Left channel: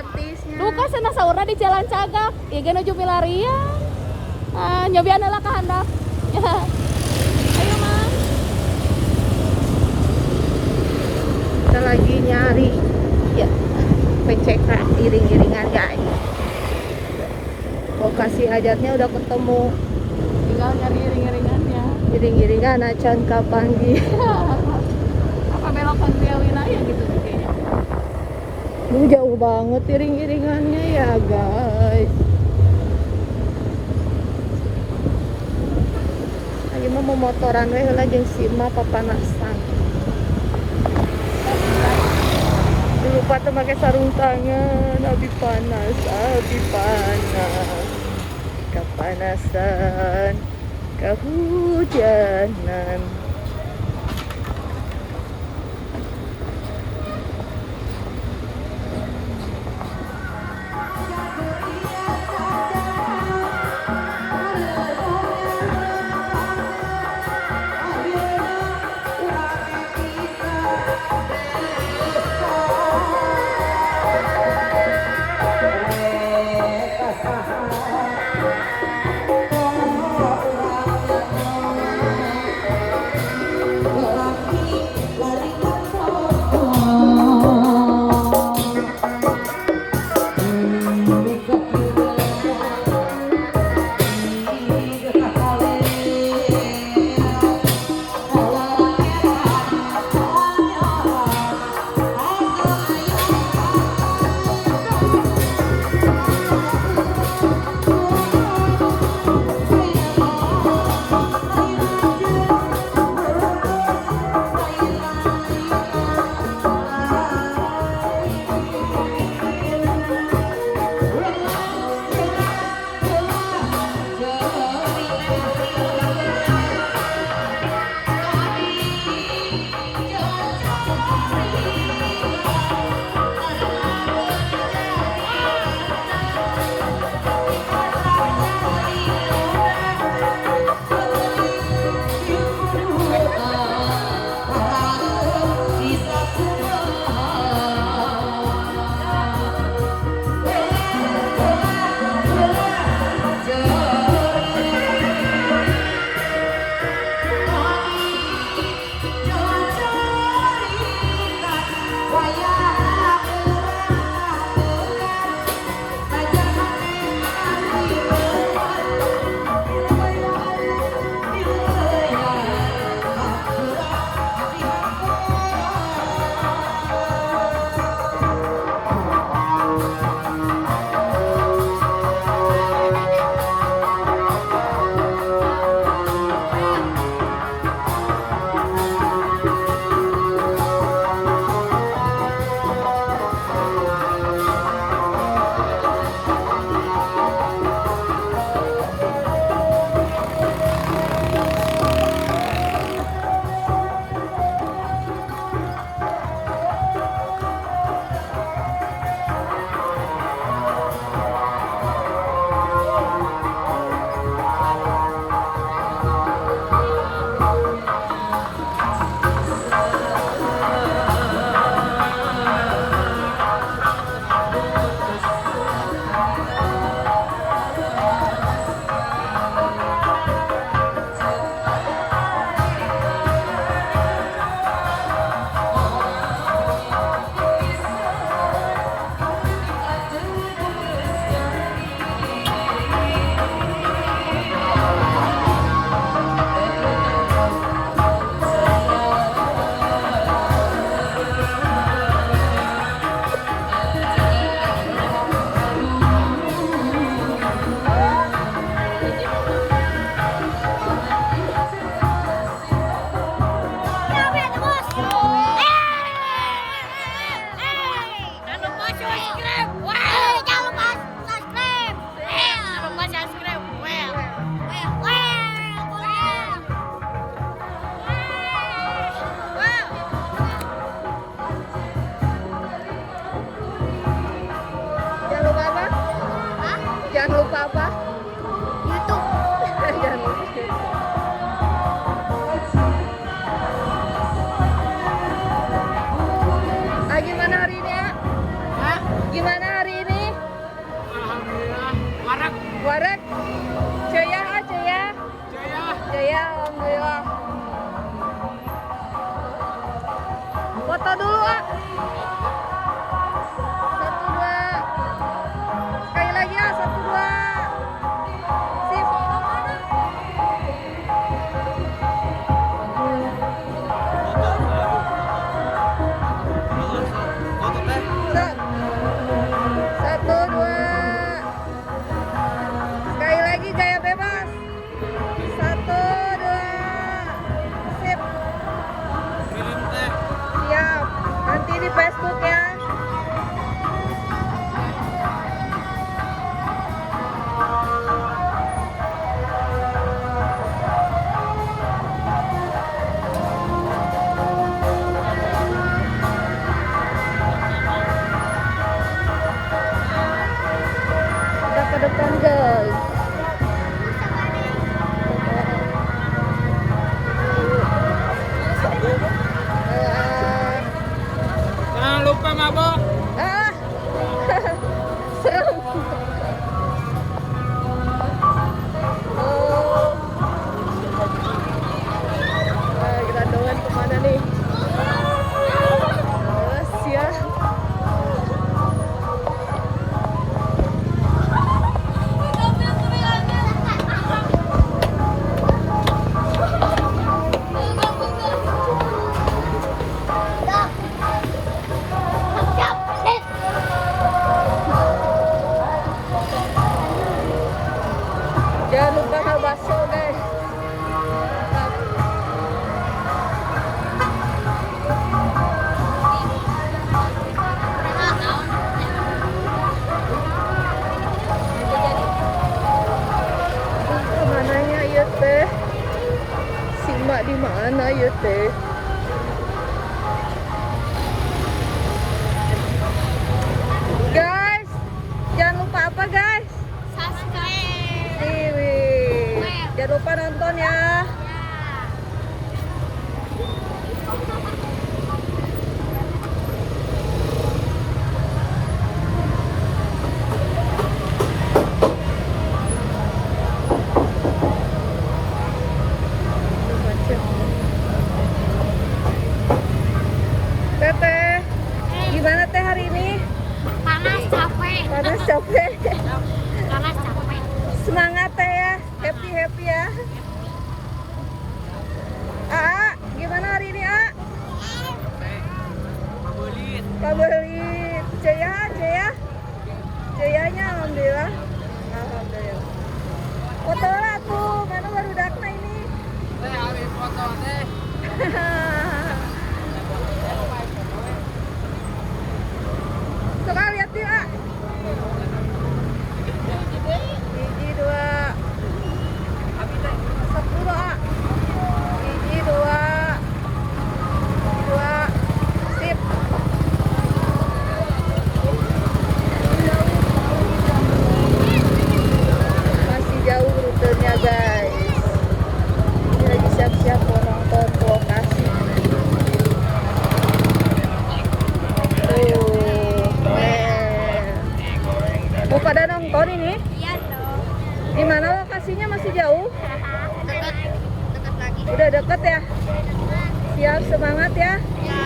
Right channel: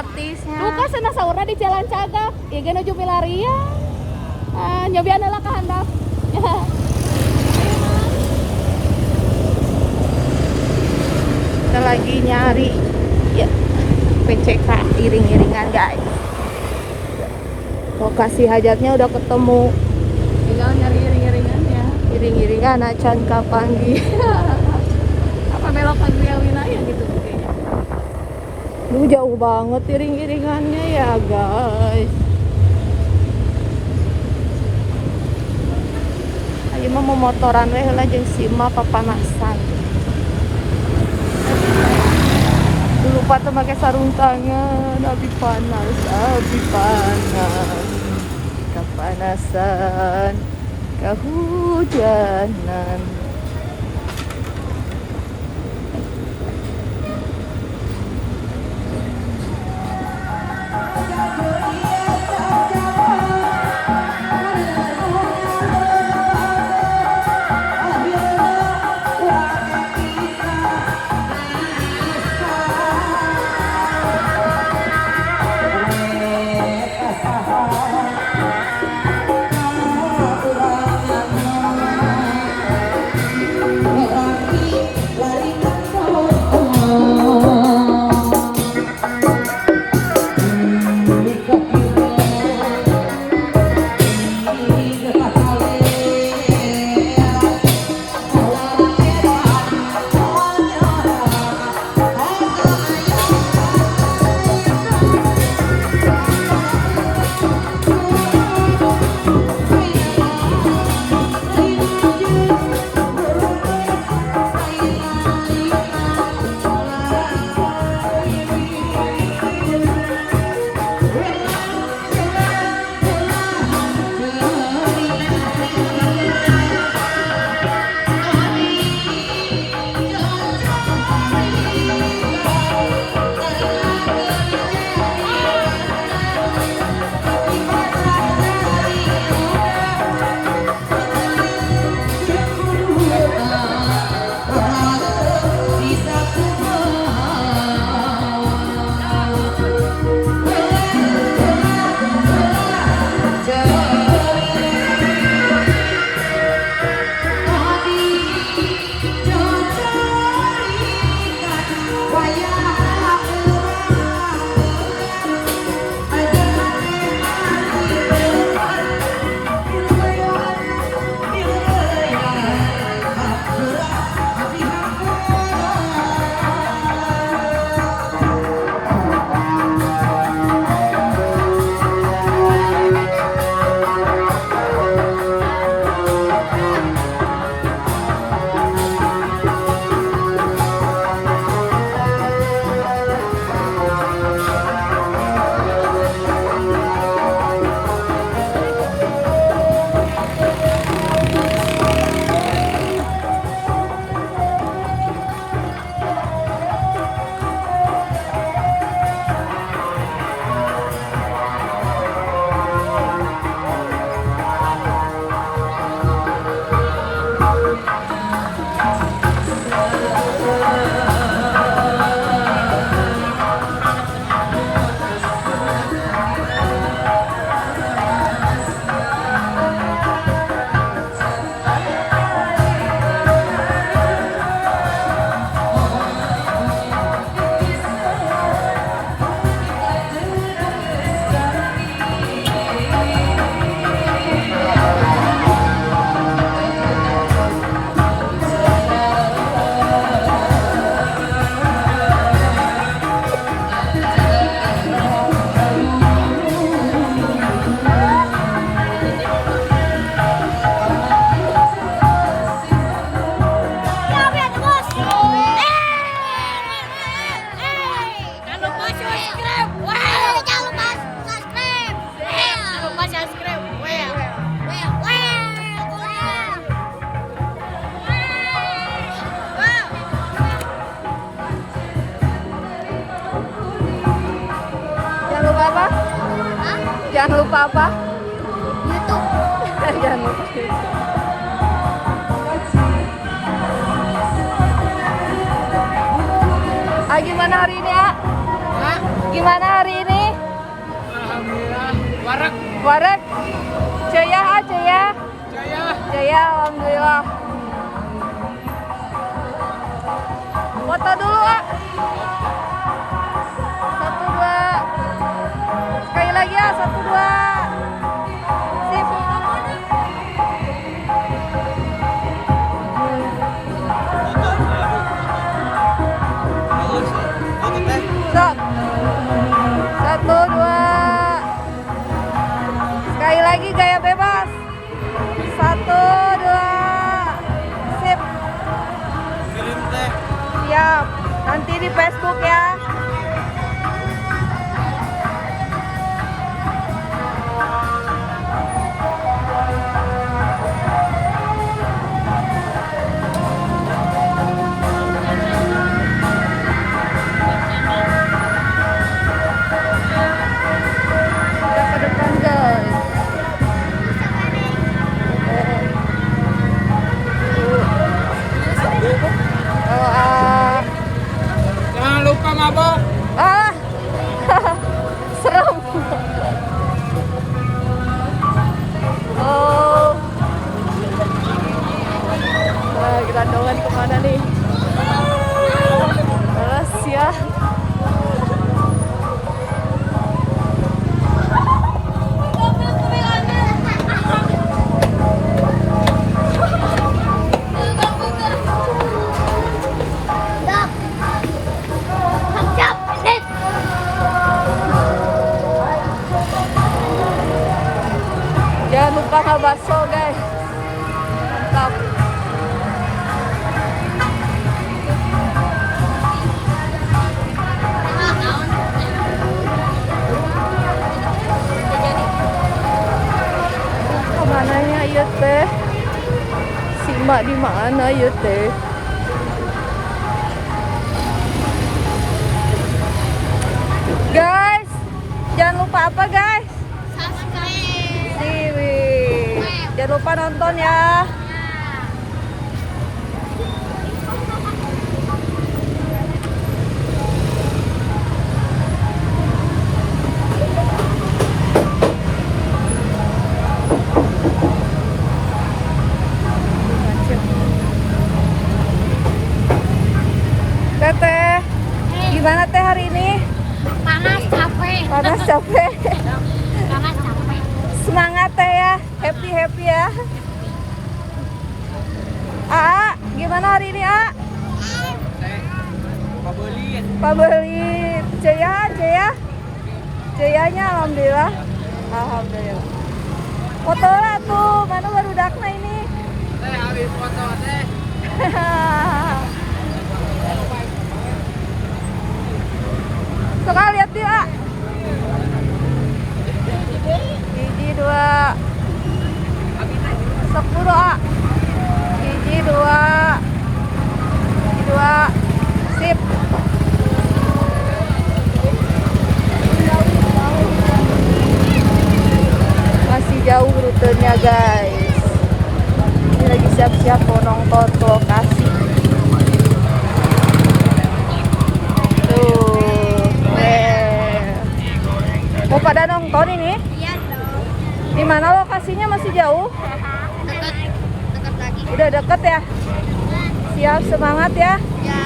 artisnya. Bukan sana saurna di Jalan Cagak. Ieu ge nuju milarian. Nyobian heula ka handap. Kita lagi nyari ya PCK iring-iringan guys. Lokasi hajatnya udah ketemu. Tinggal nyari iring-iringannya. Iring-iringan acan kapanggi. Apa belok ke Lina yang gitu kayaknya. Jauh banget iring-iringannya ya guys. Ayo mah mau motoran we heula jeung Sima papanasan. Lupa tuh pakai sarung tangan. Abi panas, kepanasan, kehujanan. Jangan lupa apa? YouTube. Jangan lupa YouTube. Gimana hari ini ya? Hah? Gimana hari ini? Alhamdulillah, warak. Warak? Jaya, Jaya? Jaya. Jaya, alhamdulillah. Foto dulu, ah. 1, 2. Sekali lagi ya, 1, 2. Sip. Stop. 1, 2. Sekali lagi gaya bebas. 1, 2. Sip. Siap. Nanti di Facebook ya. Kita ke depan guys. Jangan lupa mabok. Ah, serem. Oh, gerandongan kemana nih? Alas ya. Jangan lupa hal bakso guys. Mantap. Kemananya ya teh? Si mak di mana ya teh? Guys, jangan lupa apa guys? Siwi. Jangan lupa nonton ya. Teteh, gimana teh hari ini? Panas capek. Panas capek. Panas capek. Semangat teh ya, happy ya. Aa, gimana hari ini A? Pak Beli, Jaya, Jayanya alhamdulillah, alhamdulillah. Foto lah tuh, mana baru dakna ini? Habis foto teh. Suka lihat dia A. Gigi 2. Sok dulu A. Gigi 2. Gigi 2. Sip. Masih jauh rutenya guys. Ini lagi siap-siap mau nonton ke lokasi. Tuh. Mau pada nonton ini? Iya dong. Di mana lokasinya masih jauh? Dekat lagi. Udah deket ya? Siap, semangat ya. Ya.